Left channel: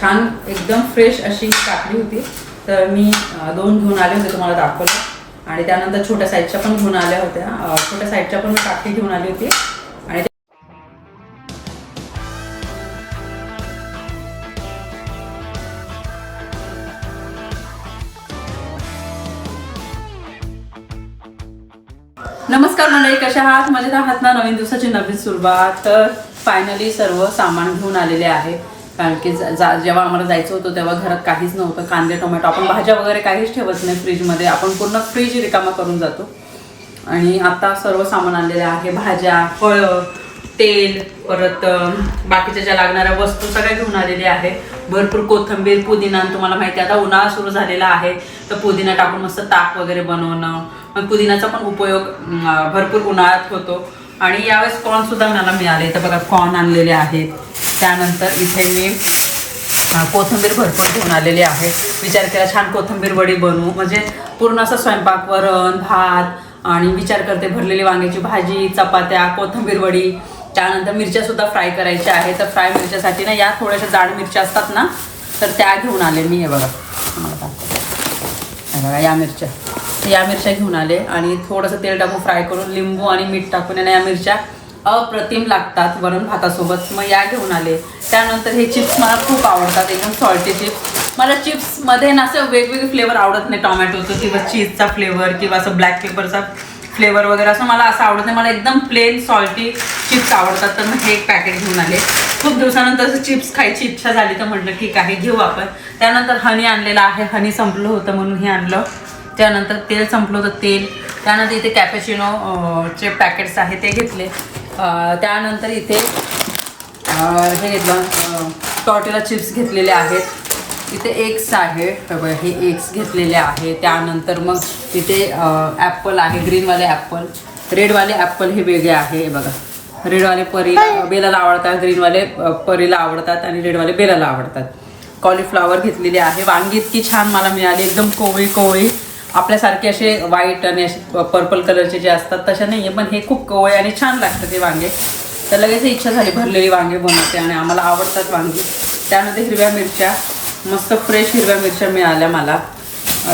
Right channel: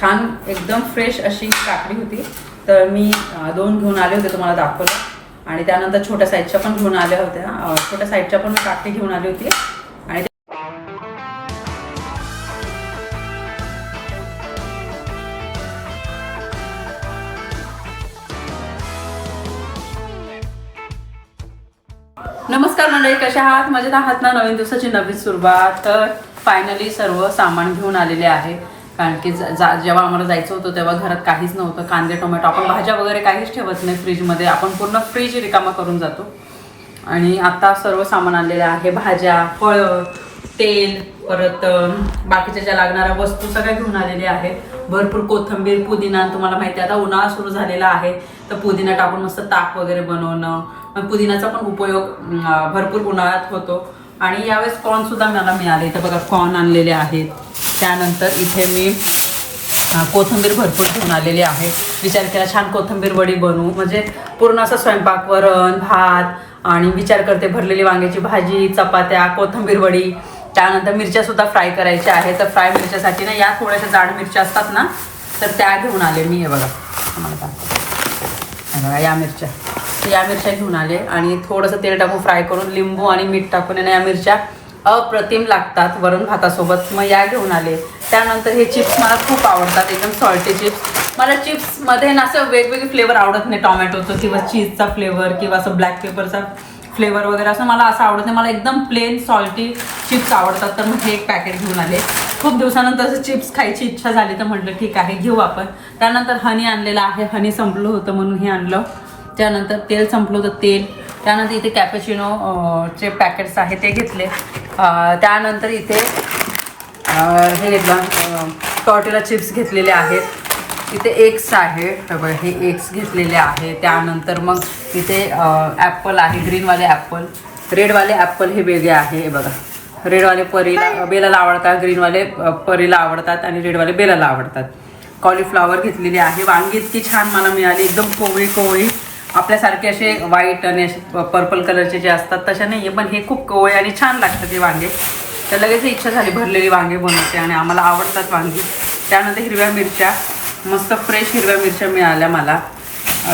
छान एकदम फ्रेश अशी काकडी होती. तर मी दोन घेऊन आले होते तुम्हाला दाखवलं. आणि त्यानंतर छोट्या साईजच्या पण घेऊन आल्या होत्या. छोट्या साईजच्या पण मी काकडी घेऊन आली होती. आणि नमस्कार मंडळी कशा आहात? मजेत आहात ना? नवीन दिवसाची नवीन सुरुवात. तर फायनली सर्व सामान घेऊन आलेले आहे कारण की जा जा- जेव्हा आम्हाला जायचं होतं तेव्हा घरात काहीच नव्हतं. कांदे टोमॅटो आपण भाज्या वगैरे काहीच ठेवत नाही फ्रीजमध्ये. आपण पूर्ण फ्रीज रिकामा करून जातो. आणि आता सर्व सामान आलेलं आहे. भाज्या फळं तेल परत बाकीच्या ज्या लागणाऱ्या वस्तू सगळ्या घेऊन आलेल्या आहे. भरपूर कोथंबीर पुदिना तुम्हाला माहिती आहे आता उन्हाळा सुरू झालेला आहे. तर पुदिना टाकून मस्त ताक वगैरे बनवणं. पुदिन्याचा पुदिनाचा पण उपयोग भरपूर उन्हाळ्यात होतो. आणि यावेळेस कॉर्न सुद्धा मला मिळाले. इथं बघा कॉर्न आणलेले आहेत. त्यानंतर इथे मी कोथिंबीर भरपूर घेऊन आलेली आहे. विचार केला छान कोथिंबीर वडी बनवू. म्हणजे पूर्ण असं स्वयंपाक वरण भात आणि विचार करते भरलेली वांग्याची भाजी चपात्या कोथिंबीर वडी. त्यानंतर मिरच्या सुद्धा फ्राय करायच्या आहे तर फ्राय मिरच्यासाठी ना या थोड्याशा जाड मिरच्या असतात ना तर त्या घेऊन आले मी हे बघा. मला बघा या मिरच्या. या मिरच्या घेऊन आले आणि थोडंसं तेल टाकून फ्राय करून लिंबू आणि मीठ टाकून आहे या मिरच्या अप्रतिम लागतात वरण भातासोबत. मग या घेऊन आले. त्यानंतर हे चिप्स मला खूप आवडतात एकदम सॉल्टी चिप्स. मला चिप्समध्ये ना असं वेगवेगळे फ्लेवर आवडत नाही. टोमॅटोचं किंवा चीजचा फ्लेवर किंवा असं ब्लॅक पेपरचा फ्लेवर वगैरे असं मला असं आवडत नाही. मला एकदम प्लेन सॉल्टी चिप्स आवडतात. तर मग हे एक पॅकेट घेऊन आले. खूप दिवसानंतर चिप्स खायची इच्छा झाली तर म्हटलं ठीक आहे घेऊ आपण. त्यानंतर हनी आणलेलं आहे. हनी संपलं होतं म्हणून हे आणलं. त्यानंतर तेल संपलं होतं तेल. त्यानंतर इथे कॅपेचिनो चे पॅकेट्स आहे ते घेतले. त्यानंतर इथे हे घेतलं. टॉटेला चिप्स घेतलेले आहेत. इथे एग्स आहे. हे एक्स एग्स घेतलेले आहे त्यानंतर मग इथे ॲपल आहे. ग्रीनवाले ॲपल रेडवाले ॲपल हे वेगळे आहे. हे बघा. रेडवाले परीला बेलाला आवडतात ग्रीनवाले परीला आवडतात आणि रेडवाले बेलाला आवडतात. कॉलीफ्लावर घेतलेली आहे. वांगी इतकी छान मला मिळाली. एकदम कोवळी कोवळी. आपल्यासारखे असे व्हाईट आणि असे पर्पल कलरचे जे असतात तशा नाही आहे पण हे खूप कोवळे आणि छान लागतात ते वांगे. तर लगेच इच्छा झाली भरलेली वांगे बनवते आणि आम्हाला आवडतात वांगी. त्यानंतर हिरव्या मिरच्या. मस्त फ्रेश हिरव्या मिरच्या मिळाल्या मला.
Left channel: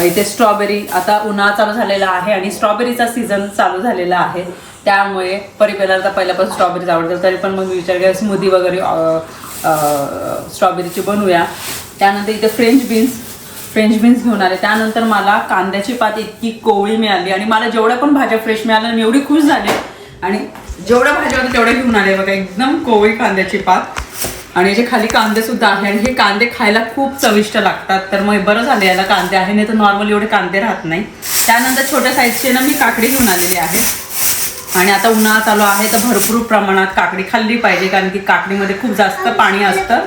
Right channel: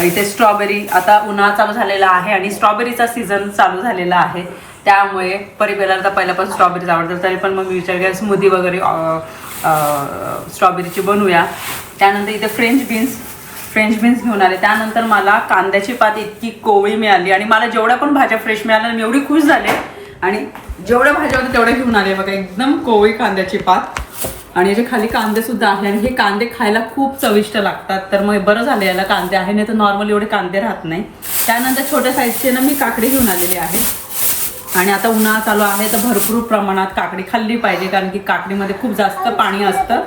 इथे स्ट्रॉबेरी आता उन्हाळा चालू झालेला आहे आणि स्ट्रॉबेरीचा सीझन चालू झालेला आहे. त्यामुळे परिपेला तर पहिल्यापासून स्ट्रॉबेरीज आवडतात. तरी पण मग मी विचार केला स्मूदी वगैरे स्ट्रॉबेरीची बनवूया. त्यानंतर इथे फ्रेंच बीन्स फ्रेंच बीन्स घेऊन आले. त्यानंतर मला कांद्याची पात इतकी कोवळी मिळाली आणि मला जेवढ्या पण भाज्या फ्रेश मिळाल्या मी एवढी खुश झाले. आणि जेवढ्या भाज्या होत्या तेवढ्या घेऊन आले. बघा एकदम कोवळी कांद्याची पात. आणि याचे खाली कांदे सुद्धा आहे आणि हे कांदे खायला खूप चविष्ट लागतात. तर मग बरं झालं याला कांदे आहे. नाही तर नॉर्मल एवढे कांदे राहत नाही. त्यानंतर छोट्या साईजचे ना मी काकडी घेऊन आलेली आहे. आणि आता उन्हाळा चालू आहे तर भरपूर प्रमाणात काकडी खाल्ली पाहिजे कारण की काकडीमध्ये खूप जास्त पाणी असतं.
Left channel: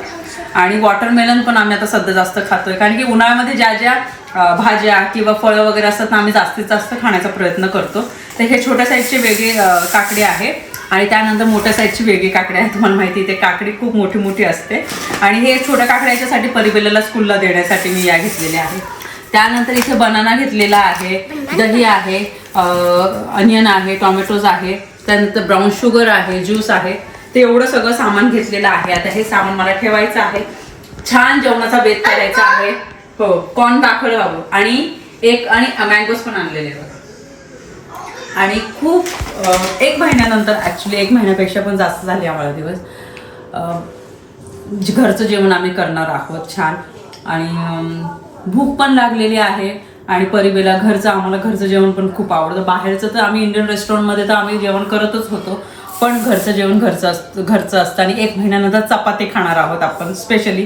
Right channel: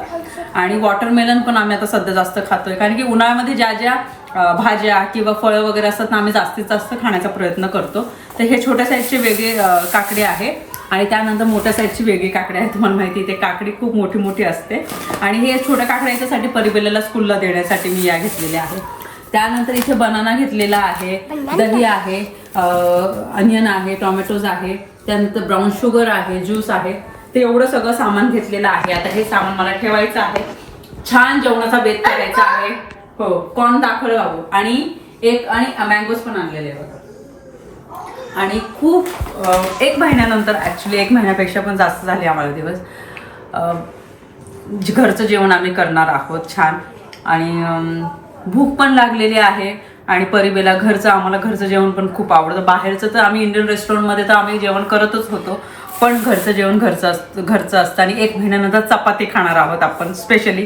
आणि वॉटरमेलन पण आम्ही आता सध्या जास्त खातोय कारण की उन्हाळ्यामध्ये ज्या ज्या भाज्या किंवा फळं वगैरे असतात ना आम्ही जास्तीत जास्त खाण्याचा प्रयत्न करतो. तर हे छोट्या साईजचे वेगळे काकडी आहे. आणि त्यानंतर मोठ्या साईजची वेगळी काकडी आहे तुम्हाला माहिती आहे ते काकडी खूप मोठी मोठी असते. आणि हे छोट्या काकड्या याच्यासाठी परिबेलाला स्कूलला देण्यासाठी मी या घेतलेल्या आहे त्यानंतर इथे बनाना घेतलेला आहे दही आहे अनियन आहे टोमॅटोज आहे त्यानंतर ब्राऊन शुगर आहे ज्यूस आहे ते एवढं सगळं सामान घेतलेलं आहे. आता हे सामान मला ठेवायचं आहे. छान जेवणाचा बेत करायचा आहे. हो कॉर्न दाखल हवं. आणि एक आणि मँगोज पण आणलेले बघा. आणि खूप एक महिन्यानंतर ॲक्च्युली एक महिन्यापेक्षा पण जास्त झाले आम्हाला दिवस. घरचं जेवण आम्ही करणार आहोत छान. आणि भूक पण लागलेली आहे. आणि परिबेला घरचं आम्हाला घरचं जेवण पण खूप आवडतं. बाहेरचं तर आम्ही इंडियन रेस्टॉरंटमध्ये तर आम्ही जेवण करतच होतो. पण घरचं जेवण घरचं असतं घरचं असतं आणि एक महिन्यानंतर चपाती खाणार आहोत आपण स्पेशली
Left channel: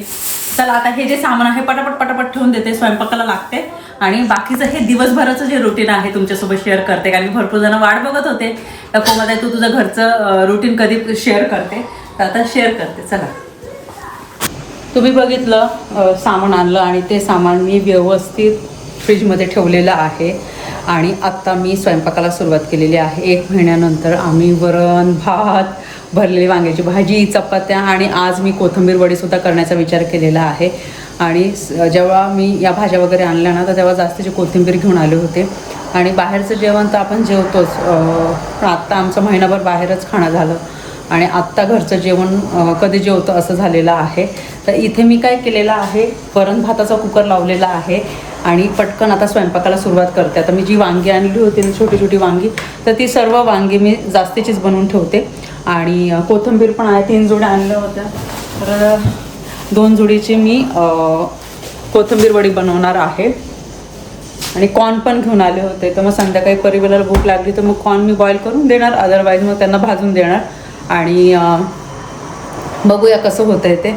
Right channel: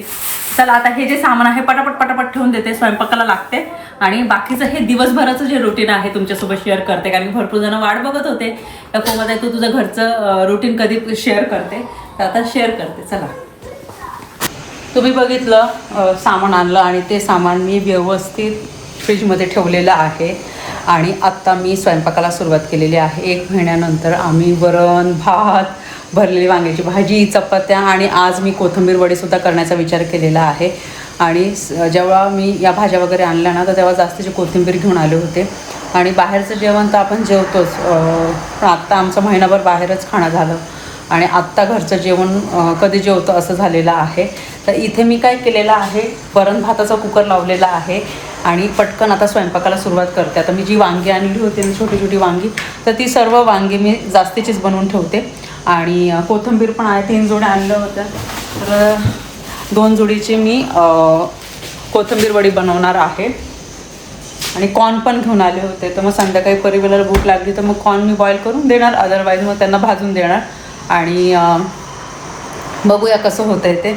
चला आता हे जे सामान आहे पटापट पटापट ठेवून देते स्वयंपाकाला लागते. आणि बाकीचं हे दिवसभराचं जे रुटीन आहे तुमच्यासोबत शेअर करते कारण भरपूर जण वाट बघत होते. तर तू तुझं घरचं रुटीन कधी शेअर करते? तर आता शेअर करते चला. तुम्ही बघितलं सामान आणलं आणि ते सामान मी व्यवस्थित फ्रीजमध्ये ठेवलेलं आहे. आणि आत्ता मी स्वयंपाकाला सुरुवात केलेली आहे. एक महिन्यानंतर आम्ही वरण भात भरलेली वांग्याची भाजी चपात्या आणि आज मी कोथिंबीर वडीसुद्धा करण्याचा विचार केलेला आहे. आणि जेव्हा मी या भाज्या वगैरे आणल्या ना तर तेव्हा जास्तीची कोथिंबीर घेऊन आले होते. आणि बाहेरचं जेवण तर आपण जेवतोच. पण आत्ता आमचं महिनाभर बाहेरच खाणं झालं. आणि आत्ता घरचं जेवण कधी जेवतं असं झालेलं आहे. तर इथे मी काय केलेलं आहे वरण भाताचा कुकर लावलेला आहे. आणि पटकन आता स्वयंपाकाला सुरुवात करते. आता मी जी वांगी आणली होती मी छोटी छोटी वांगी तर ती सर्व वांगी मी जास्तीचीच बनवून ठेवते. आणि कोथंबीर कोथिंबीर पण आहे तीन जोड्या आणलं होतं तर दोन जोडीची मी कोथंबीर कोथिंबीर वडी बनवणार आहे. आणि कॉर्न पण घेऊन आले होते. तर मग संध्याकाळी परिवाराला भूक लागली तर मग कॉर्न मी बॉईल करून देणार. अदरवाईज मग त्यांना भाजून देणार. आणि बघूया कसं होतं आहे ते.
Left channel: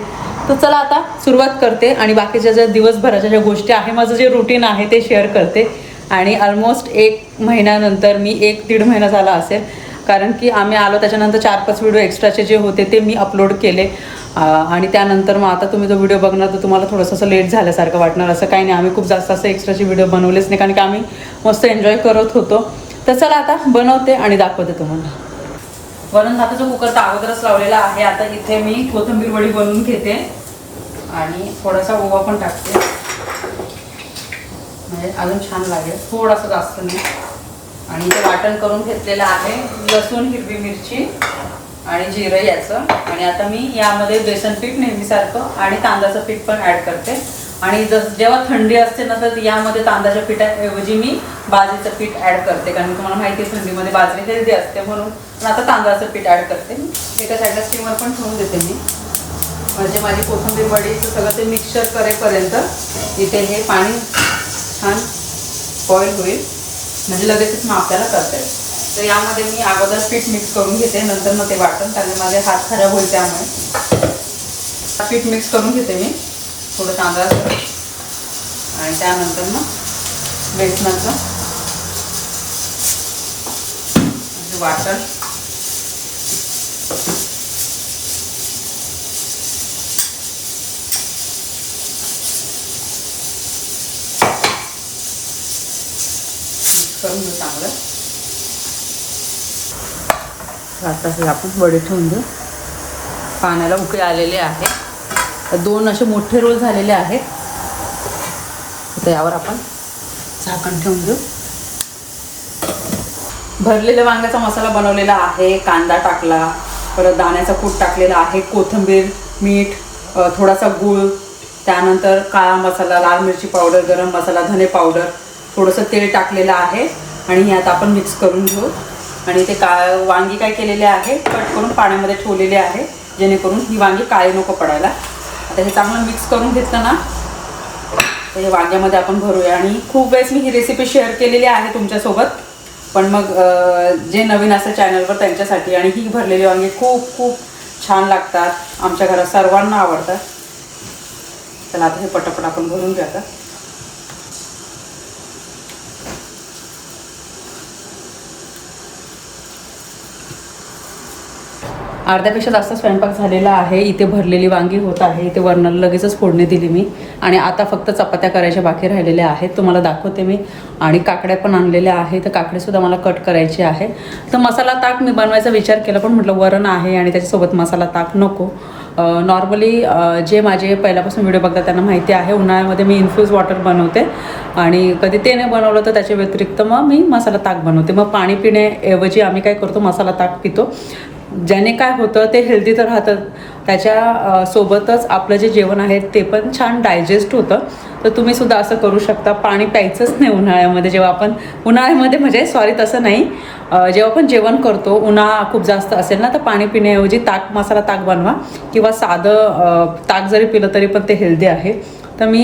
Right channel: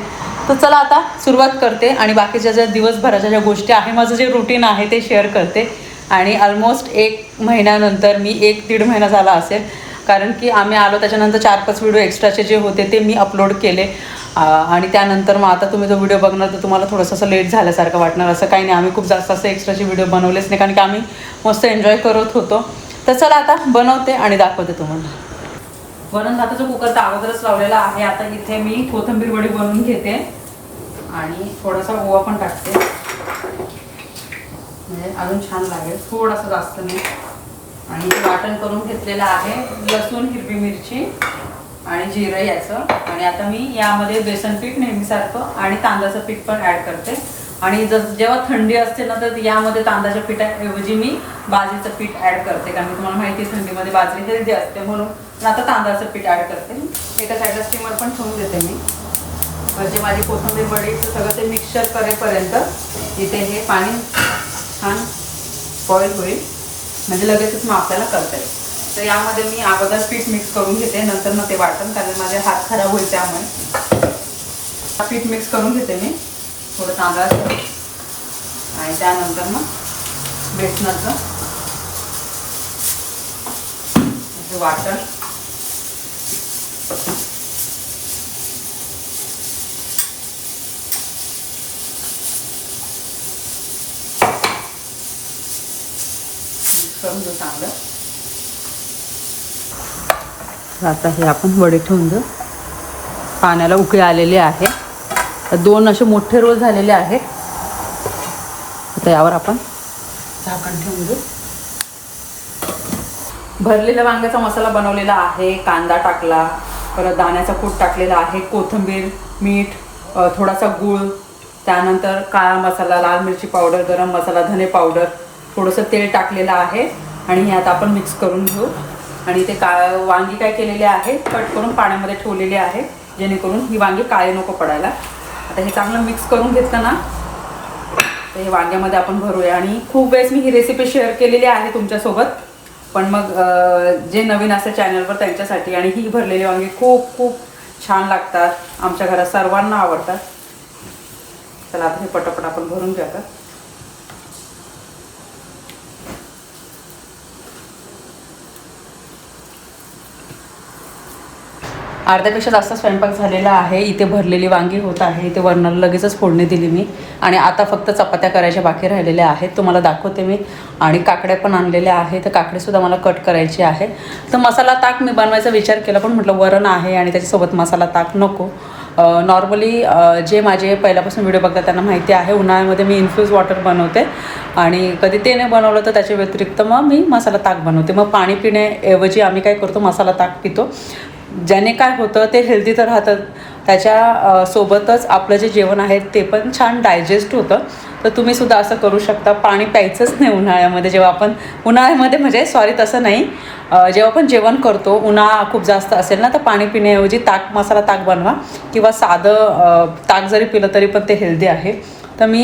तर चला आता सुरुवात करते आणि बाकीच्या ज्या दिवसभराच्या ज्या गोष्टी आहे माझं जे रुटीन आहे ते शेअर करते. आणि ऑलमोस्ट एक महिन्यानंतर मी एक दीड महिना झाला असेल. कारण की आम्ही आलो त्याच्यानंतर चार पाच व्हिडिओ एक्स्ट्राचे जे होते ते मी अपलोड केले. आणि त्यानंतर मग आता तुम्ही जो व्हिडिओ बघणार तर तुम्हाला थोडंसं असं लेट झाल्यासारखं वाटणार. असं काही नाही आम्ही खूप जास्त असं एक्स्ट्राचे व्हिडिओ बनवलेच नाही कारण की आम्ही मस्त एन्जॉय करत होतो. तर चला आता बनवते आणि दाखवते तुम्हाला. वरण भाताचा कुकर तर अगोदरच लावलेला आहे. आता इथे मी कोथिंबीर वडी बनवून घेते. आणि थोडासा ओवा पण टाकते. म्हणजे अजून छान लागेल. थोडासा जास्त नाही. आणि इथे वाटण करून घेतलेलं आहे. लसूण हिरवी मिरची आणि जिरं याचं. आणि आता मी यामध्ये बेसन पीठ नेहमीसारखं आणि तांदळाचं पीठ पण ॲड करते. आणि जस जेव्हा थंडी असते ना तर यामध्ये तांदळाच्या पिठाऐवजी मी बाजरीचं पीठ ॲड करते. कारण की तुम्हाला माहिती आहे थंडीमध्ये बाजरी हेल्दी असते म्हणून. पण आता तांदळाचं पीठ ॲड करते. एका साईडला स्टीमर पण ठेवून देते मी. म्हणजे माझी कोथंबीर वडीचं सगळं ते मिक्सर करेपर्यंत इथे हे पाणी छान बॉईल होईल. म्हणजे लगेचच मग आपल्याला करता. येईल तर यामध्ये मी अगोदर पीठ मिक्स करून घेते. नंतर मग ते वाटण कारण माझे हात खराब होईल त्यामुळे. पीठ मिक्स करून घेते मी. थोडं तांदळाचं आणि त्यानंतर मग बेसनाचं. वाटण. करून घेऊ चांगलं आता हे आपण वडे ठेवून पाण्याला उकळी आलेली आहे. तर दोन असे मोठे रोल झालेले आहेत. आता यावर आपण झाकण ठेवून देऊ. भरलेल्या वांग्याचा मसाला बनवलेला आहे कांदा टाकला परत दाण्याचा कूट टाकलेला आहे कोथिंबीर मीठ थोडासा गूळ त्यानंतर काळा मसाला लाल मिरची पावडर गरम मसाला धने पावडर थोडंसं तेल टाकलेलं आहे आणि हे आता आपण मिक्स करून घेऊ. आणि ते का वांगी काय केलेले आहे कट करून पाण्यामध्ये ठेवलेले आहे जेणेकरून ही वांगी काळे नको पडायला. आता हे चांगलं मिक्स करून घेतलं ना तर हे वांग्यामध्ये आपण भरूया. आणि खूप वेळेस मी ही रेसिपी शेअर केलेली आहे तुमच्यासोबत पण मग जे नवीन असतं चॅनलवर त्यांच्यासाठी आणि ही भरलेली वांगी खूप खूप छान लागतात. आमच्या घरात सर्वांना आवडतात. चला आता हे पटापट आपण भरून घ्या का अर्ध्यापेक्षा जास्त स्वयंपाक झालेला आहे इथे भरलेली वांगी होत आहे इथे वरणाला लगेचच फोडणी दिली मी. आणि आता फक्त चपात्या करायच्या बाकी राहिलेल्या आहेत तुम्हाला दाखवते मी. आणि काकड्या पण आणलेल्या आहेत तर काकडेसुद्धा मला कट करायची आहे. तर मसाला ताक मी बनवायचा विचार केला पण म्हटलं वरण आहे आणि त्याच्यासोबत मसाला ताक नको. नॉर्मली जे माझे पहिल्यापासून व्हिडिओ बघतात त्यांना माहिती आहे उन्हाळ्यामध्ये मी इन्फ्यूज वॉटर बनवते. आणि कधी ते नाही बनवलं तर त्याच्या व्यतिरिक्त मग मी मसाला ताक बनवते. मग पाणी पिण्याऐवजी आम्ही काय करतो मसाला ताक पितो. ज्याने काय होतं ते हेल्दी तर राहतं त्याच्या सोबतच आपलं जे जेवण आहे ते पण छान डायजेस्ट होतं. तर तुम्ही सुद्धा असं करू शकता. पाणी प्यायचंच नाही उन्हाळ्यामध्ये. जेव्हा आपण उन्हाळ्यामध्ये म्हणजे सॉरी तसं नाही. जेव्हा आपण जेवण करतो उन्हाळा खूप जास्त असेल ना तर पाणी पिण्याऐवजी ताक मसाला ताक बनवा. किंवा साधं ताक जरी पिलं तरी पण ते हेल्दी आहे. तर मी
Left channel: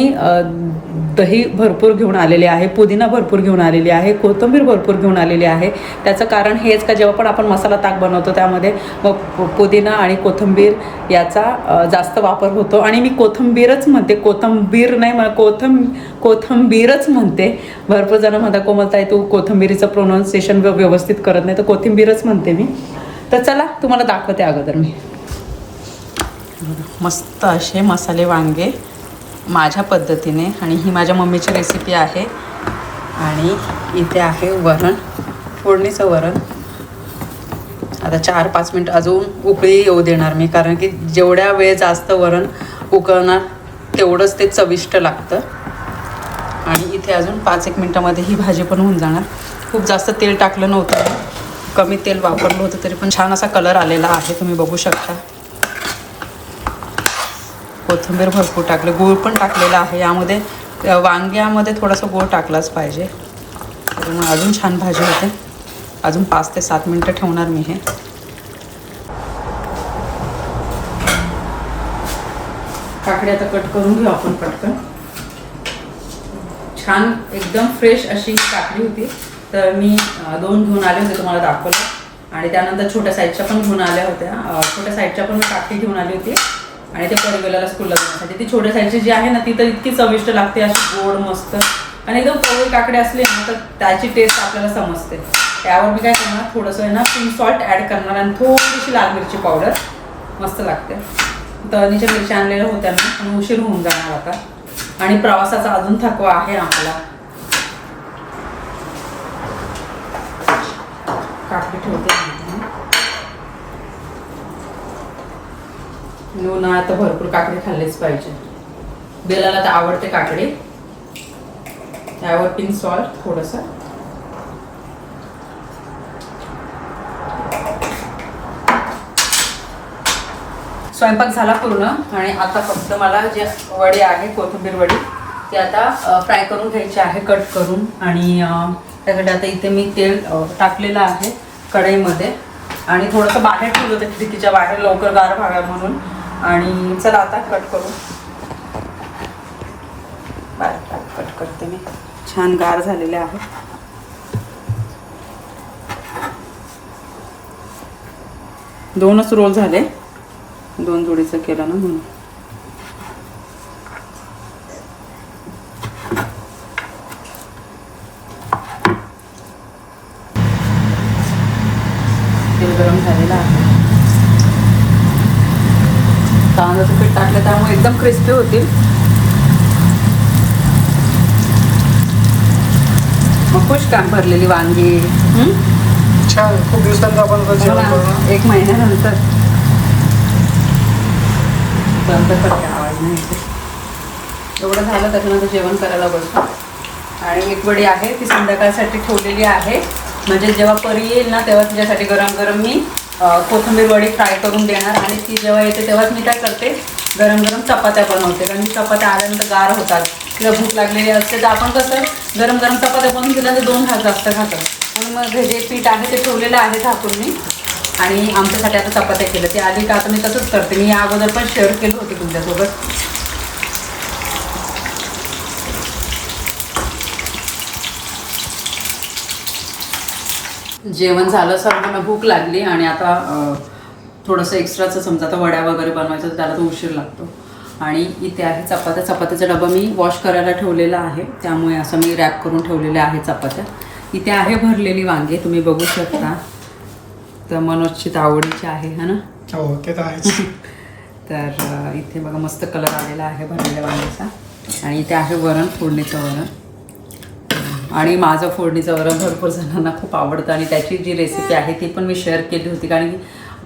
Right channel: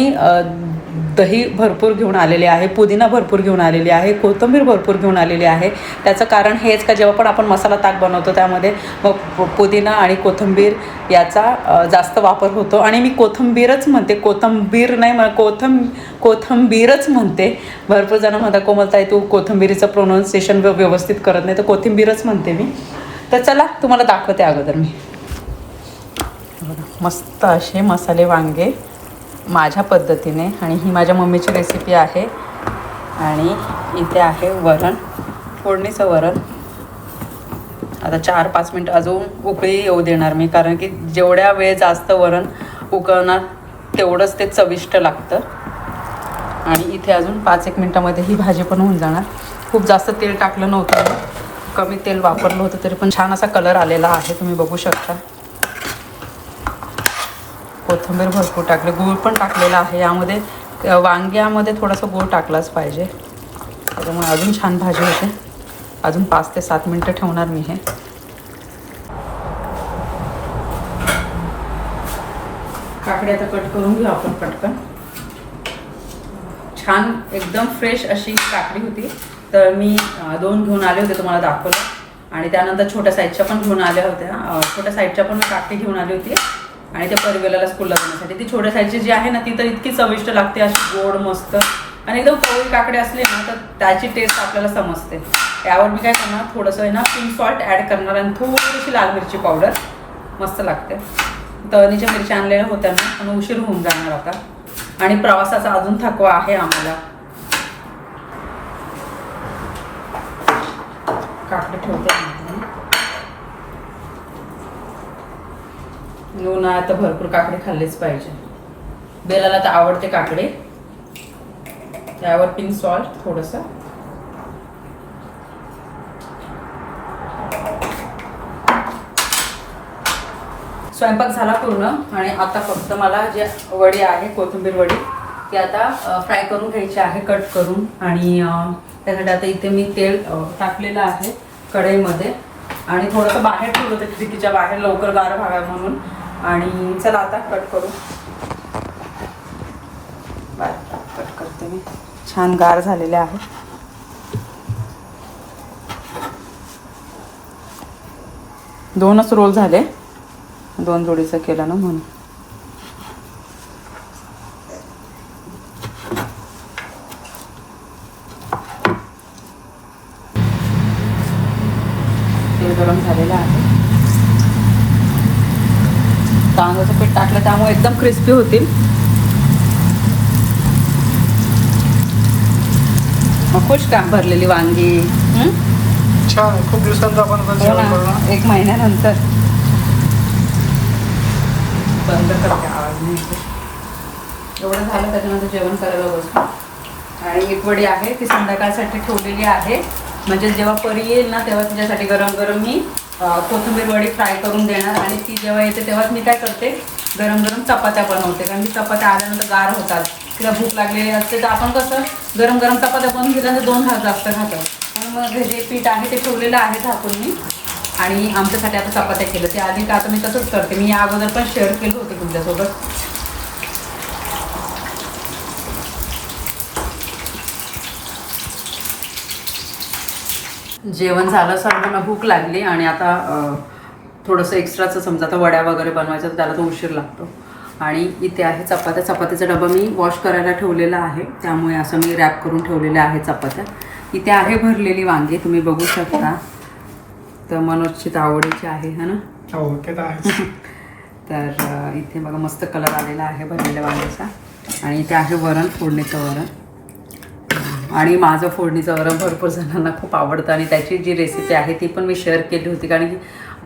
दही भरपूर घेऊन आलेले आहे पुदिना भरपूर घेऊन आलेली आहे कोथिंबीर भरपूर घेऊन आलेली आहे. त्याचं कारण हेच का जेव्हा पण आपण मसाला ताक बनवतो त्यामध्ये मग पुदिना आणि कोथिंबीर याचा जास्त वापर होतो. आणि मी कोथिंबीरच म्हणते कोथिंबीर नाही म्हणा कोथं कोथिंबीरच म्हणते. भरपूर जण म्हणतात कोमलताई तू कोथिंबीरीचं प्रोनाऊन्सिएशन व्यवस्थित करत नाही तर कोथिंबीरच म्हणते मी. तर चला तुम्हाला दाखवते अगोदर मी. मस्त असे मसाले वांगे. माझ्या पद्धतीने आणि ही माझ्या मम्मीची रेसिपी आहे. आणि इथे आहे वरण फोडणीचं वरण. आता चार पाच मिनटं अजून उकळी येऊ देणार मी कारण की जेवढ्या वेळ जास्त वरण उकळणार तेवढंच ते चविष्ट लागतं. आणि इथे अजून पाच एक मिनटामध्ये ही भाजी पण होऊन जाणार. खूप जास्त तेल टाकलं नव्हतं. कमी तेल वापरलं होतं तरी पण छान असा कलर आलेला आहे तुम्ही बघू शकता. कोथिंबीर भरपूर टाकले. गूळ पण टाकलेला आहे. यामध्ये वांग्यामध्ये थोडासा गूळ टाकलाच पाहिजे. त्याच्यामुळे अजून छान भाजी होते. अजून पाच ते सात मिनटं ठेवणार मी हे. काकडी आता कट करून घेऊ आपण पटकन. छान एकदम फ्रेश अशी काकडी होती. तर मी दोन घेऊन आले होते तुम्हाला दाखवलं. आणि त्यानंतर छोट्या साईजच्या पण घेऊन आल्या होत्या. छोट्या साईजच्या पण मी काकडी घेऊन आली होती. आणि त्या परिवेलाला स्कूलला जाण्यासाठी. ती छोट्या साईजची जी आहे ना ती तर इतकी चविष्ट लागते अशी गोड मस्त. आणि एकदम पवळी काकडे असले ना तर त्याची टेस्ट आपल्याला समजते. त्यावर मी काय करणार थोडंसं आहे ना पिंक सॉल्ट ॲड करणार आणि थोडीशी लाल मिरची पावडर मस्त लागते. तळणीच्या मिरच्या आणलेल्या होत्या ना पण उशीर होऊन जाणार आता. आणि प्रवासाचा अजून थकवा आहे आम्हाला. काकडी ठेवते उन्हाळ्यात तर भरपूर काकडी खाल्लेच पाहिजे. बेलाला तर आवडते काकडी. त्यावर पिंक सॉल्ट थोडस. स्वयंपाक झाला पूर्ण आणि आता फक्त मला जे वडे आहे कोथिंबीर वडी ते आता फ्राय करून घ्यायची आहे कट करून. आणि त्यासाठी आता इथे मी तेल टाकलेलं आहे कढईमध्ये. आणि थोडंसं बाहेर ठेवलं होतं खिडकीच्या बाहेर लवकर गार व्हाव्या म्हणून. आणि चला आता कट करू. बारीक कट करते मी. छान गार झालेले आहे. दोनच रोल झाले. दोन जोडीचं केलं ना म्हणून तेल गरम झालेलं आहे तांदळाचं पीठ टाकलं त्यामुळे एकदम मग खुश काम भरलेली वांगी. हं? छान. खूप दिवसांचं आपण जेवण करू ना. एक महिन्यानंतर. बंद करते आवाज नाही. एवढं झालं त्याच्यानंतर जेवण करायला बसतो आणि मीठवडी आहे ती संध्याकाळसाठी ठेवलेली आहे. म्हणजे जेव्हा परी येईल ना तेव्हा तिच्यासाठी गरम गरम मी कोथिंबीर वडी फ्राय करून देणार. आणि ती जेव्हा येते तेव्हाच मी काय करते? गरम गरम चपात्या बनवते कारण की चपात्या आल्यानंतर गार होतात. तिला भूक लागलेली असते तर आपण कसं गरम गरम चपात्या बनवून घेतल्यानंतर दोन हात जास्त खातात म्हणून मग हे जे पीठ आहे ते ठेवलेलं आहे झाकून मी आणि आमच्यासाठी आता चपात्या केलं ते आधी का आता मी तसंच करते. मी या अगोदर पण शेअर केलं होते तुमच्यासोबत. जेवण झालं सर्वांना भूक लागली आणि आता थोडंसं एक्स्ट्राचं समजा आता वड्या वगैरे बनवायचं तर त्याला तो उशीर लागतो. आणि इथे आहे चपात्या. चपात्याचा डबा मी वॉश करायला ठेवलेला आहे. त्यामुळे असं मी रॅप करून ठेवलेल्या आहे चपात्या. इथे आहे भरलेली वांगे तुम्ही बघू शकता. तर मनोजची आवडीची आहे है ना? हो ते तर आहेच. तर इथे बघा मस्त कलर आलेला आहे भरलेल्या वांग्याचा. आणि इथे आहे वरण फोडणीचं वरण. आणि माझं फोडणीचं वरण भरपूर जणांना खूप आवडतं आणि त्याची जी रेसिपी आहे ती पण मी शेअर केली होती. कारण की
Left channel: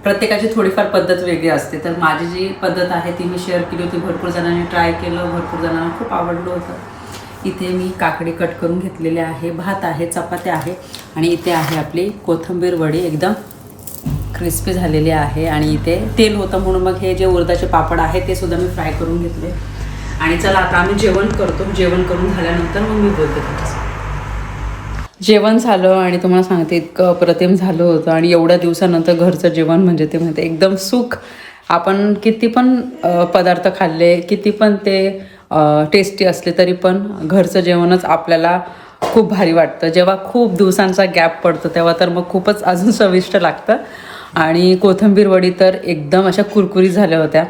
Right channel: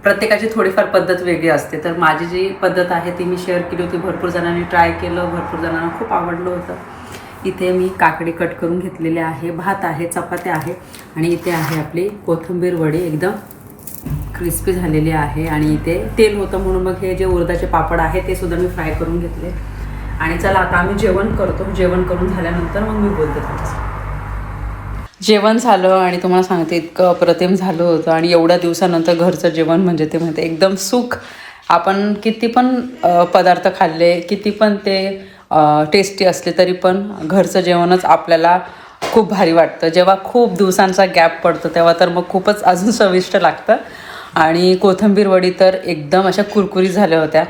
प्रत्येकाची थोडीफार पद्धत वेगळी असते. तर माझी जी पद्धत आहे ती मी शेअर केली होती. भरपूर जणांनी ट्राय केलं. भरपूर जणांना खूप आवडलं होतं. इथे मी काकडी कट करून घेतलेले आहे. भात आहे चपात्या आहे आणि इथे आहे आपली कोथिंबीर वडी. एकदम क्रिस्पी झालेली आहे आणि इथे तेल होतं म्हणून मग हे जे उरदाचे पापड आहे ते सुद्धा मी फ्राय करून घेतले. आणि चला आता आम्ही जेवण करतो. जेवण करून झाल्यानंतर मग मी बोलते तुमच्यासोबत. जेवण झालं आणि तुम्हाला सांगते इतकं अप्रतिम झालं होतं आणि एवढ्या दिवसानंतर घरचं जेवण म्हणजे ते म्हणते एकदम सुख. आपण किती पण पदार्थ खाल्ले किती पण ते टेस्टी असले तरी पण घरचं जेवणच आपल्याला खूप भारी वाटतं. जेव्हा खूप दिवसांचा गॅप पडतो तेव्हा तर मग खूपच अजून चविष्ट लागतं. आणि कोथिंबीर वडी तर एकदम अशा कुरकुरीत झाल्या होत्या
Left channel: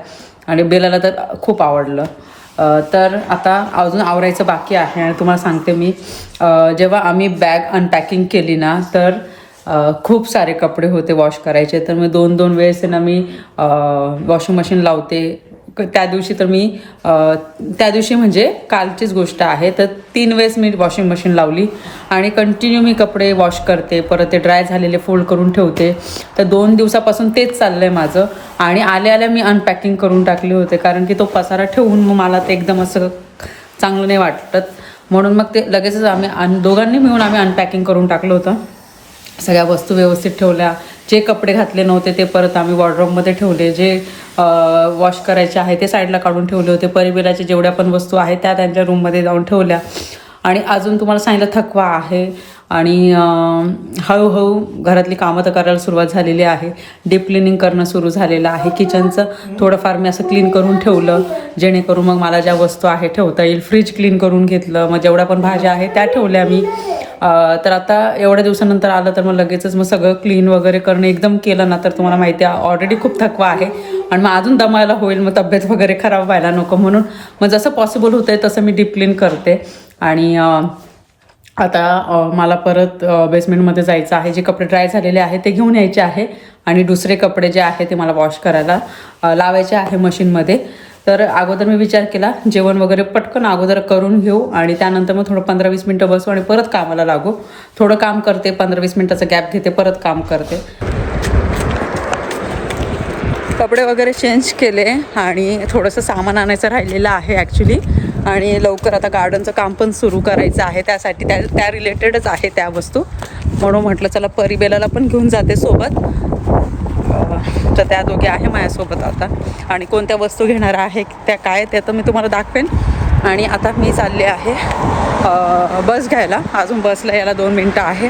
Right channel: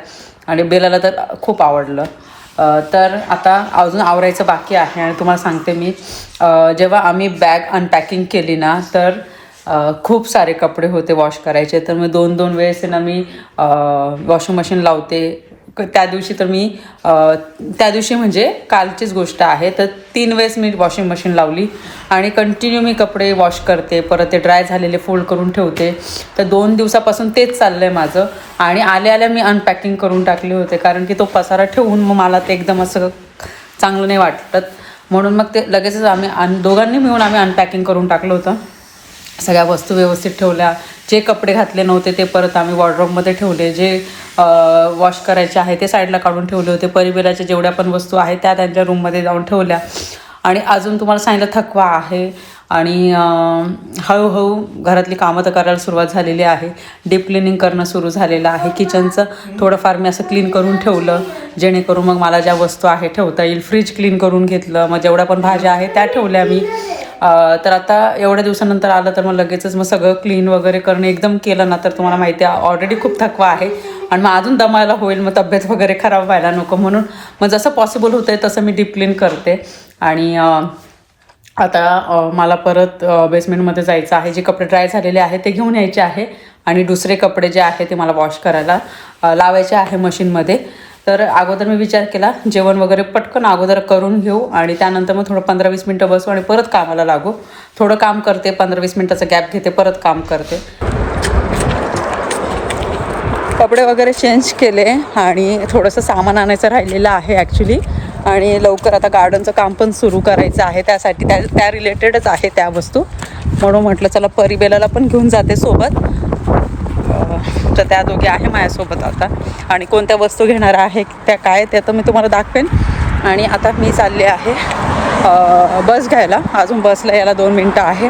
आणि बेलाला तर खूप आवडलं. तर आता अजून आवरायचं बाकी आहे आणि तुम्हाला सांगते मी. जेव्हा आम्ही बॅग अनपॅकिंग केली ना तर खूप सारे कपडे होते वॉश करायचे. तर मग दोन दोन वेळेस ना मी वॉशिंग मशीन लावते त्या दिवशी तर मी त्या दिवशी म्हणजे कालचीच गोष्ट आहे. तर तीन वेळेस मी वॉशिंग मशीन लावली आणि कंटिन्यू मी कपडे वॉश करते परत ते ड्राय झालेले फोल्ड करून ठेवते. तर दोन दिवसापासून तेच चाललं आहे माझं. आणि आल्या आल्या मी अनपॅकिंग करून टाकले होते कारण की तो पसारा ठेवून मग मला ते एकदम असं चांगलं नाही वाटत. म्हणून मग ते लगेचच आम्ही अन दोघांनी मिळून आम्ही अनपॅकिंग करून टाकलं होतं. सगळ्या वस्तू व्यवस्थित ठेवल्या. जे कपडे घातले नव्हते ते परत आम्ही वॉर्ड्रॉपमध्ये ठेवले. जे वॉश करायचे आहे ते साईडला काढून ठेवले होते. परिबिराच्या जेवढ्या पण वस्तू आहेत त्या त्यांच्या रूममध्ये जाऊन ठेवल्या. आणि अजून तुम्हाला सांगितलं थकवा आहे. आणि हळूहळू घरातली कामं तर करायला सुरुवात झालेली आहे. डीप क्लिनिंग करणं सुरू झालेलं आहे. किचनचं थोडंफार मी असं क्लीन करून ठेवलं. जेणेकरून मग मला ज्या वस्तू आहे ठेवता येईल फ्रीज क्लीन करून घेतलं. मग जेवढ्या पण भाज्या आहेत त्या ठेवल्या मी. तर आता एवढ्या दिवसानंतर आलं तर मग लगेचच मग सगळं क्लीन वगैरे करणं एकदम केलं ना तर तुम्हाला माहिती आहे ऑलरेडी खूप थकवा आहे. आणि मग अजून दमायला होईल मग तब्येत वगैरे खराब व्हायला नको म्हणून. मग जसं पॉसिबल होतं आहे तसं मी डीप क्लीन करते. आणि आता मला परत बेसमेंटमध्ये जायचं आहे जे कपडे ड्राय झालेले आहे ते घेऊन यायचे आहे. आणि दुसरे कपडे जे आहे ते मला वॉश करायला लावायचे आहे मशीनमध्ये तर अगोदर मी विचार केला जेवण वगैरे पटकन अगोदर करून घेऊ आणि त्यानंतर मग थोडं पंधरा वीस मिनटं बसू आणि परत कामाला लागू. थोडं काम करते पंधरा वीस मिनटाचा गॅप घेते परत काम करते. कपडे वगैरे चेंज केले आणि थोडंसं सामान आणायचं राहिलेलं आहे ॲक्च्युली आणि लवकर आता गार्डनचं काम पण सुरू करायचं आहे त्यासाठी त्या त्या रिलेटेडच आहे त्या वस्तू. म्हणून म्हटलं चला परिबेलाला पण घेऊन जाते सोबत. तर त्या दोघी आहे माझ्यासोबत आता. आणि कोणत्या वस्तू घेणार आहे त्या काय ते तर मी तुम्हाला दाखवेन. आणि आता मी चालले आहे बस घ्यायला. अजून बसला यायला दोन मिनटं आहे.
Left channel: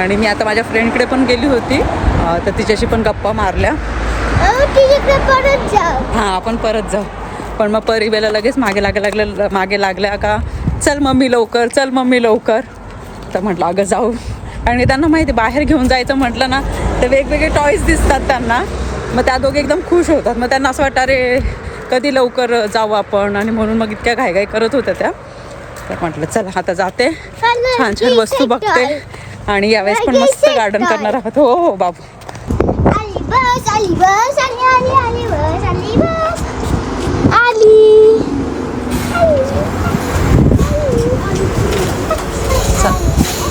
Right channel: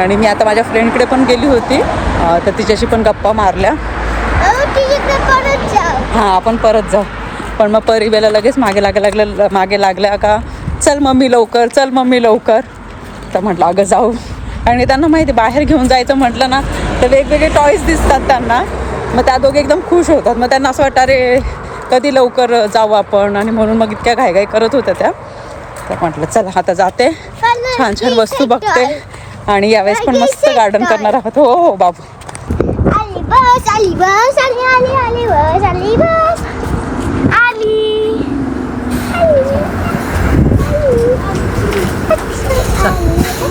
आणि मी आता माझ्या फ्रेंडकडे पण गेली होती. तर तिच्याशी पण गप्पा मारल्या. हां आपण परत जाऊ. पण मग परिवेला लगेच मागे लागे लागलं मागे लागल्या का चल मम्मी लवकर चल मम्मी लवकर. तर म्हटलं अगं जाऊ. आणि त्यांना माहिती बाहेर घेऊन जायचं म्हटलं ना तर वेगवेगळे टॉईज दिसतात त्यांना. मग त्या दोघे एकदम खुश होतात. मग त्यांना असं वाटतं अरे कधी लवकर जाऊ आपण? आणि म्हणून मग इतक्या घाईघाई करत होत्या त्या. तर म्हटलं चला आता जाते. छान छान वस्तू बघते. आणि यावेळेस पण मस्त गार्डन करणार आहोत. हो हो बाबू.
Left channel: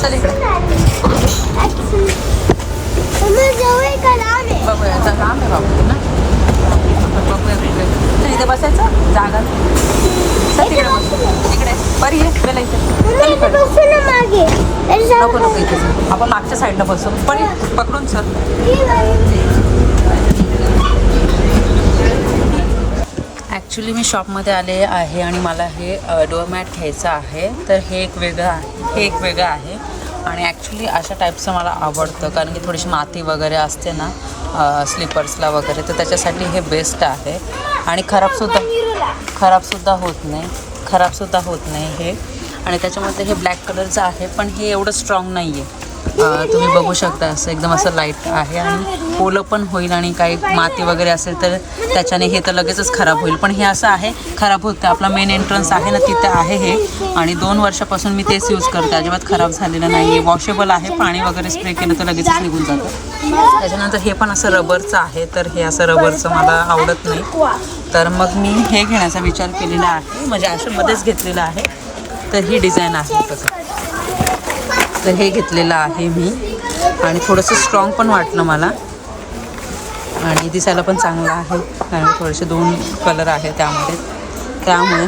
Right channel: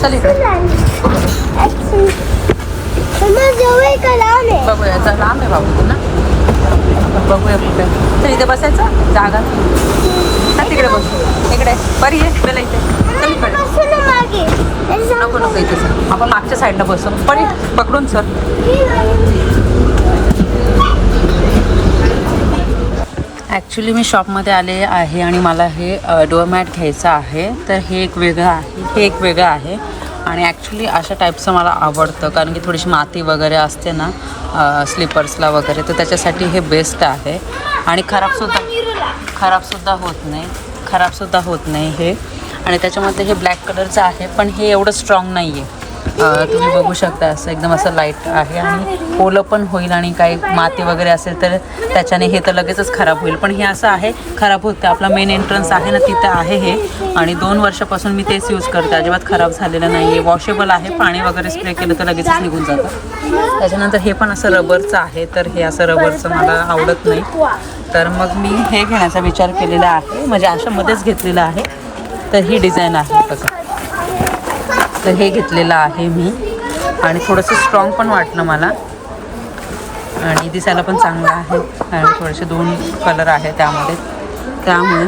चल इकडे तुला जवळ का लांब आहे बघूया चल लांब आहे बाबू ना. आपण बघूया कुठे. इथे बसायचं. जागा. चल तिकडे बस. इकडे. बरी आहे इथे. चल इकडे. नको नको इथे. आपण मागच्या साईडला बसू पण पकडून चल. ॲक्च्युली मी शॉपमध्ये आले आहे आणि मला हे डोअमॅट घ्यायचं आहे. तर हे एक वेगळं आहे. हे एक वेगळं आहे. आणि ॲक्च्युली अशा टाईपचं मला आवडतं. कारण की थोडीशी माती वगैरे असते ना स्लीपर्सला वगैरे तर त्याच्यासाठी हे बेस्ट आहे. आणि खराबसुद्धा खराबसुद्धा होत नाही. खराबसुद्धा होत नाही हे. आणि त्याच्यामध्ये हे ब्लॅक कलरचं आहे पण हे एवढं स्ट्रॉंग नाही आहे तुम्ही बघू शकता असं एकदम असं लाइट आहे आणि ओलं पण होईल आणि काही माती वगैरे असेल तर त्याच्याने हे तर लगेचच खराब होईल. पण हे असं आहे खराब होतं आपला मेन एंट्रन्स आहे ना तिथे आहे हे. आणि दोन वर्षापासून मी तेच यूज करते. अजिबात खराब झालेलं नाही आहे वॉशेबल आहे पाणी वगैरे स्प्रे केलं तर लगेचच निघून जातं. त्याच्यानंतर हे पण असं रबरचं आहे तर हे असं रबरचं मला आवडत नाही. तर मग मी हे घेण्याचा विचार केलेला आहे. म्हणजे अशामध्येच घेतलेलं आहे. तर ही डिझाईन आहे बघा. तर हे घेतलेलं आहे मी. आणि थोडंसं स्ट्रॉंग पण वाटलं मला. आणि दिसायला पण चांगलं आहे. आणि थोडेसे दोन कलर आहे त्यामध्ये. त्यामुळे.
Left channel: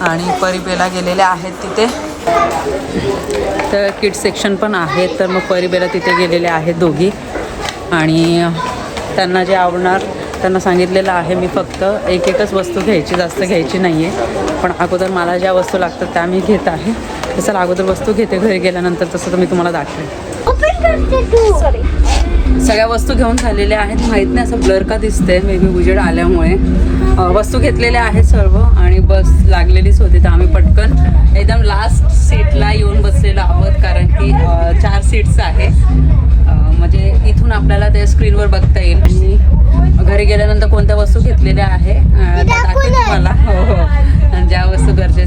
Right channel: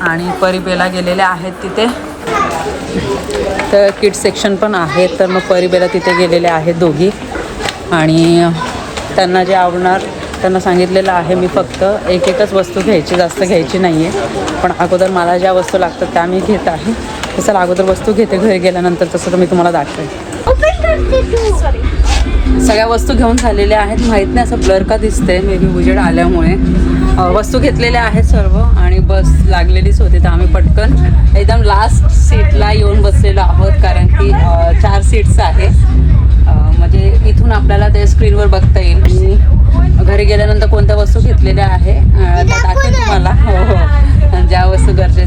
आणि परिबेला गेलेले आहेत तिथे. तर किट सेक्शन पण आहे तर मग परिबेला तिथे गेलेले आहेत दोघी. आणि त्यांना जे आवडणार त्यांना सांगितलेलं आहे मी फक्त. एक एकच वस्तू घ्यायची जास्त घ्यायची नाही आहे पण अगोदर मला ज्या वस्तू लागतात त्या मी घेत आहे. तसं अगोदर वस्तू घेते घरी गेल्यानंतर तसं तर मी तुम्हाला दाखवेन. सगळ्या वस्तू घेऊन झालेल्या आहेत. माहीत नाही असं ब्लर का दिसते मे बी उजेड आल्यामुळे. वस्तू घेतलेल्या आहेत सर्व आणि बस लागलेलीच होती तर आम्ही पटकन एकदम लास्ट सीटला येऊन बसलेलो आहोत कारण की चार सीट्स आहे. म्हणजे इथून आपल्याला ते स्क्रीनवर बघता येईल. आणि घरी गेल्यानंतर कोणत्या वस्तू घेतलेल्या आहे त्या दाखवेन तुम्हाला. हो हो. आणि ज्या वस्तू गरजे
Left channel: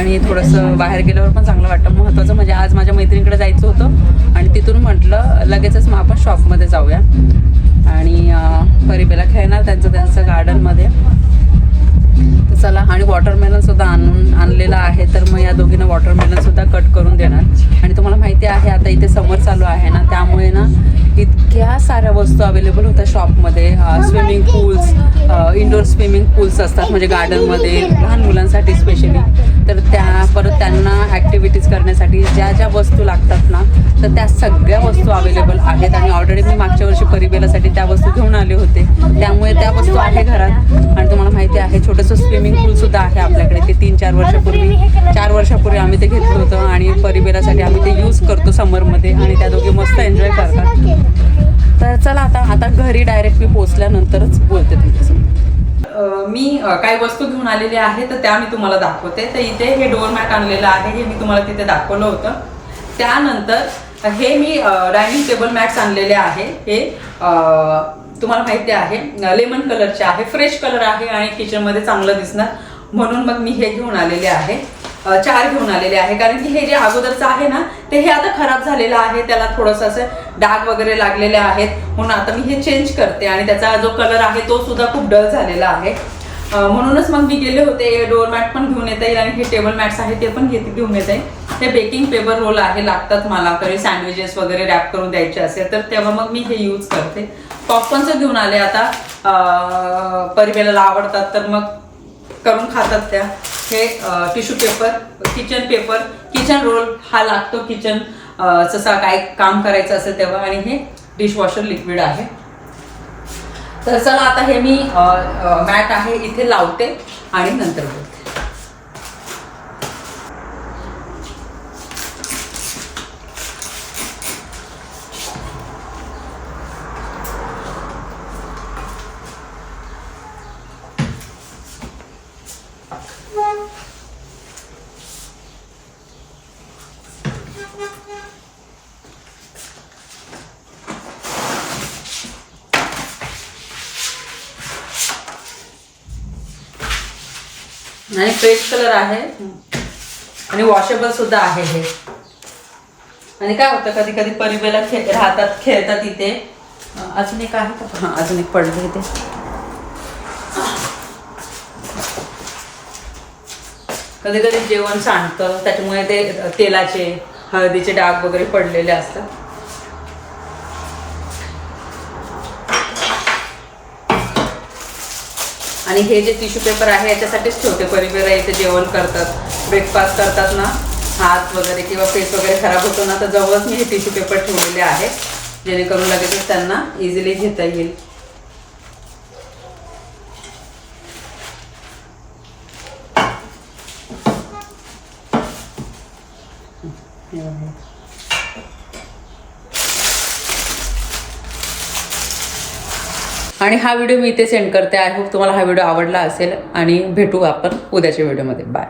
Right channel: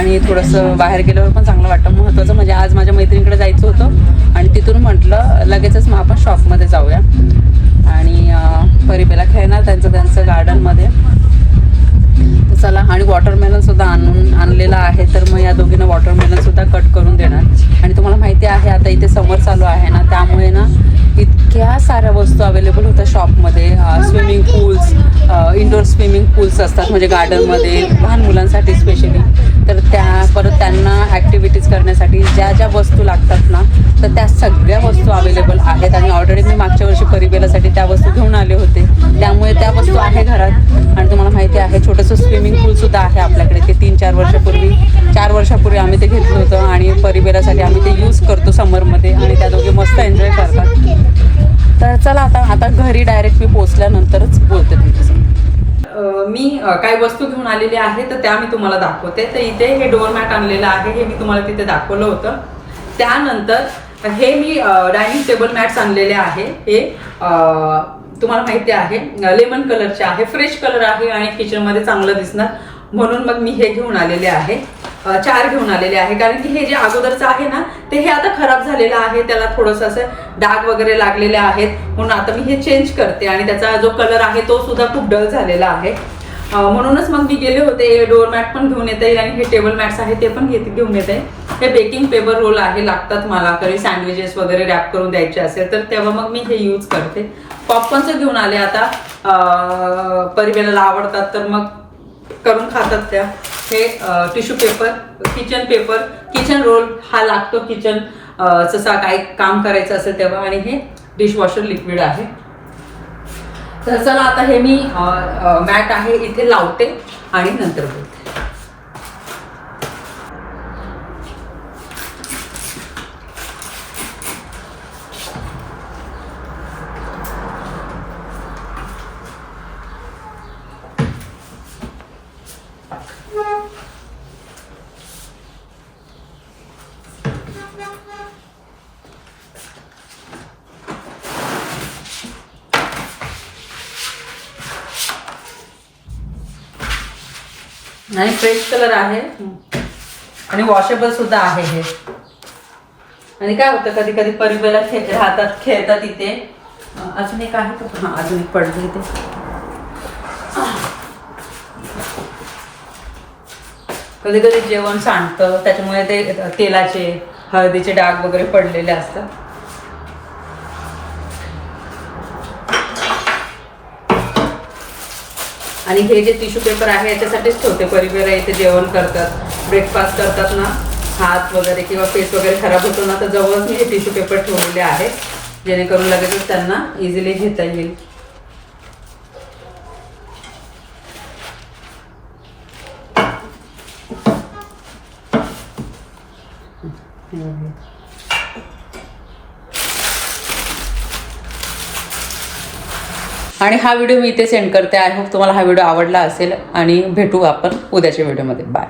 आणि थोडंसं बाहेर गेल्यावर पण चांगलं वाटतं. महत्त्वाचं म्हणजे आज माझ्या मैत्रिणीकडे जायचं होतं आणि तिथून म्हटलं लगेचच मग आपण शॉपमध्ये जाऊया. आणि परिबेला खेळणार त्यांचं त्यांचं गार्डनमध्ये चला आणि वॉटरमेलन सुद्धा आणून आणलेला आहे तर मग या दोघींना वॉटरमेलन सुद्धा कट करून देणार. आणि तुम्हाला माहिती आहे आता इथे समर चालू आहे ना त्यामुळे ना इतक्या साऱ्या वस्तू अवेलेबल होत्या शॉपमध्ये swimming pools indoor swimming pools असतात म्हणजे गार्डनमध्ये लहान मुलांसाठी स्पेशली तर त्या परत त्यांना ॲक्टिव्हिटीज करण्यासाठी ज्या ज्या वस्तू लागतात ना तर त्या सगळ्या वस्तू अवेलेबल आहेत. आणि ऑलरेडी मी मागच्या वर्षी परिबेलासाठी त्या वस्तू घेऊन आले होते. त्यामुळे त्या वस्तू आहे घरात. आणि तुम्हाला माहिती आहे छोटंसं स्विमिंग पूलसुद्धा आहे आपल्याकडे. ते तीन चार वर्षापूर्वी चार वर्षापूर्वी आम्ही ते घेतलं होतं आणि परिवारासाठी आम्ही ते यूज करतो समरमध्ये आणि त्या दोघे मस्त एन्जॉय करतात. तर चला आता आता घरी डायरेक्ट मी पोचल्यानंतरच बोलते तुमच्यासमोर मी काही वस्तू घेऊन आलेली आहे तर त्या मी तुम्हाला दाखवते. तर इथे हे डोअर मॅट आणलेलं आहे हे मी तुम्हाला तिथे दाखवलं होतं. त्यानंतर हे मी डायनिंग टेबल मॅट्स आणलेले आहे. हे तुम्हाला माहिती आहे लेमन कलरचे आहे फ्रेश कलर आहे आणि किचनमध्ये चांगलं दिसणार. म्हणून मग मी हे घेऊन आलेले आहे. चार घेऊन आलेले आहे. कारण की हे जे अगोदरचं आहे ना ते हे आता खराब झालेलं आहे. त्याला थोडंसं असं डाग वगैरे लागलेले आहेत. म्हणून आता मी हे चेंज करते आणि त्याचा जो कलर आहे तो सुद्धा खूप डल झालेला आहे. म्हणूनच मग मी गेले होते. डोअर मॅट पण घेऊन येता येईल आणि हे टेबल मॅट्स आहे ते पण घेत घेऊन येते हे बेकिंग पेपर रोल आहे लागतात मला. कधी सँडविचेस वगैरे रॅप करून द्यायचे असेल तर तेव्हा मग मी हे यूज करते. पॉपकॉर्नचं घेऊन आले आता. अ, परिबेला आवडतात तर मग करून खातात त्या. हे tissue paper kitchen paper kitchen roll हा लागतो किचन जसा काय काम करायचं असेल तेव्हा. आणि हे डिशवॉशर लिक्विड आहे. तर चला आता हे मी मॅट आहे इथे लावते आणि नंतर बोलते. आणि फ्रेश कलर आहे. आणि वॉशेबल सुद्धा आहे हे. आणि काय होतं कधी कधी परिबेला खेळ राहतात खेळतात इथे. अजून एक आहे का? हां अजून एक पडलं इथे. कधी कधी जेवण सांडतं त्याच्यामुळे ते तेलाचे हळदीचे डाग वगैरे पडलेले असतात. आणि हे जे टिश्यू पेपर आहे याच्यासाठीच ठेवते. परिवारा इथे जेवण करतात ब्रेकफास्ट करतात ना हात वगैरे किंवा फेस वगैरे खराब होतो ना तर जवळच मी हे टिश्यू पेपर ठेवलेले आहेत. जेणेकरून लगेचच त्यांना इझिली घेता येईल. आणि हा व्हिडिओ मी इथे सेंड करते. आय होप तुम्हाला हा व्हिडिओ आवडला असेल आणि भेटू आपण उद्याच्या व्हिडिओमध्ये. बाय